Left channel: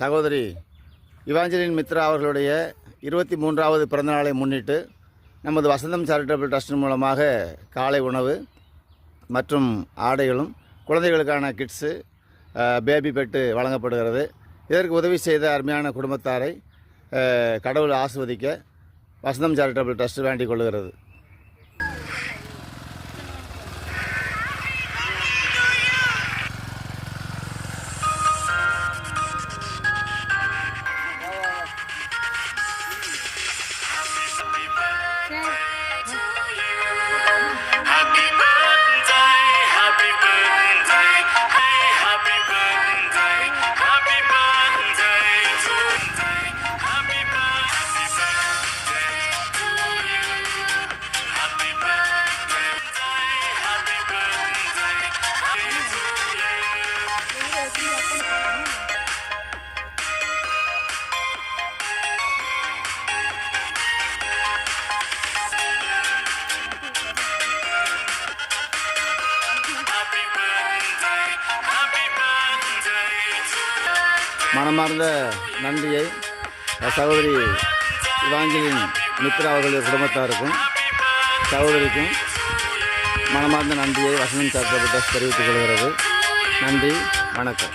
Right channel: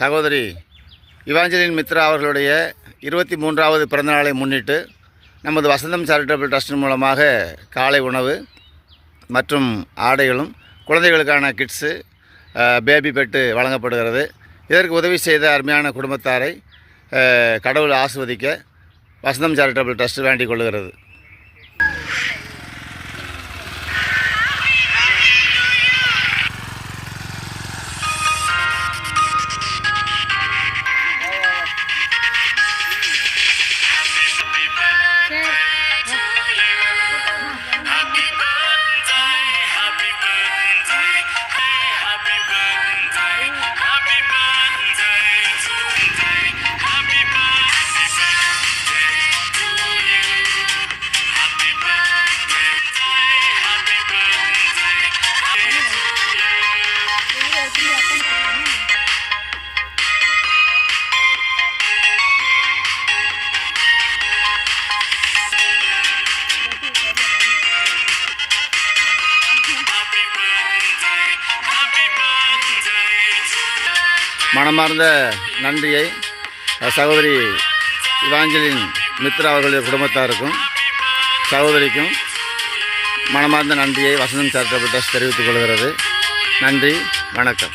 சகோதரி இவாஞ்சலின் மித்ரா அவர்களுடைய 23வது பிறந்தநாளை முன்னிட்டு நமது வசந்தம் சேரிட்டபிள் ட்ரஸ்ட் மூலமாக காலை உணவு மற்றும் ஆடைகளும் குழந்தைகளுக்கான கிட்ஸு பேபி பெட்டு வழங்கப்படுகிறது. இதற்கு உதவி செய்த அருமையான குடும்பத்தாரை கடவுள் ஆசிர்வதிக்க வசந்தம் சேரிட்டபிள் ட்ரஸ்ட் வேண்டிக் கொள்கிறது. மனமார்ந்த நன்றியை சகோதரி இவாஞ்சலின் மித்ரா அவர்களுடைய குடும்பத்தாருக்கும் சகோதரிக்கும் மனமார்ந்த நன்றியை வசந்தம் சேரிட்டபிள் ட்ரஸ்ட் தெரிவித்துக் கொள்கிறது. நன்றி, வணக்கம்.